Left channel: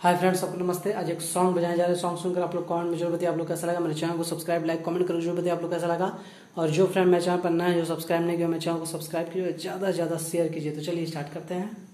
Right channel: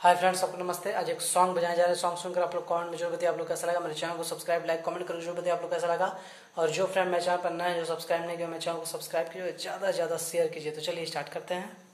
Hi friends, सबको नमस्ते। आज एक सॉन्ग बजाया जा रहा है। सॉन्ग सुनकर आप लोग कमेंट में जरूर बताइए आप लोग कैसा लगा। मेरे चैनल को सब्सक्राइब, लाइक, कमेंट करके जरूर बताइए आप लोग कैसा लगा। और जो फ्रेंड मेरे चैनल पर नए हैं, जो सब्सक्राइब नहीं किया, मेरे चैनल को सब्सक्राइब कीजिए, ज्यादा से ज्यादा शेयर कीजिए। तो चलिए स्टार्ट करते हैं।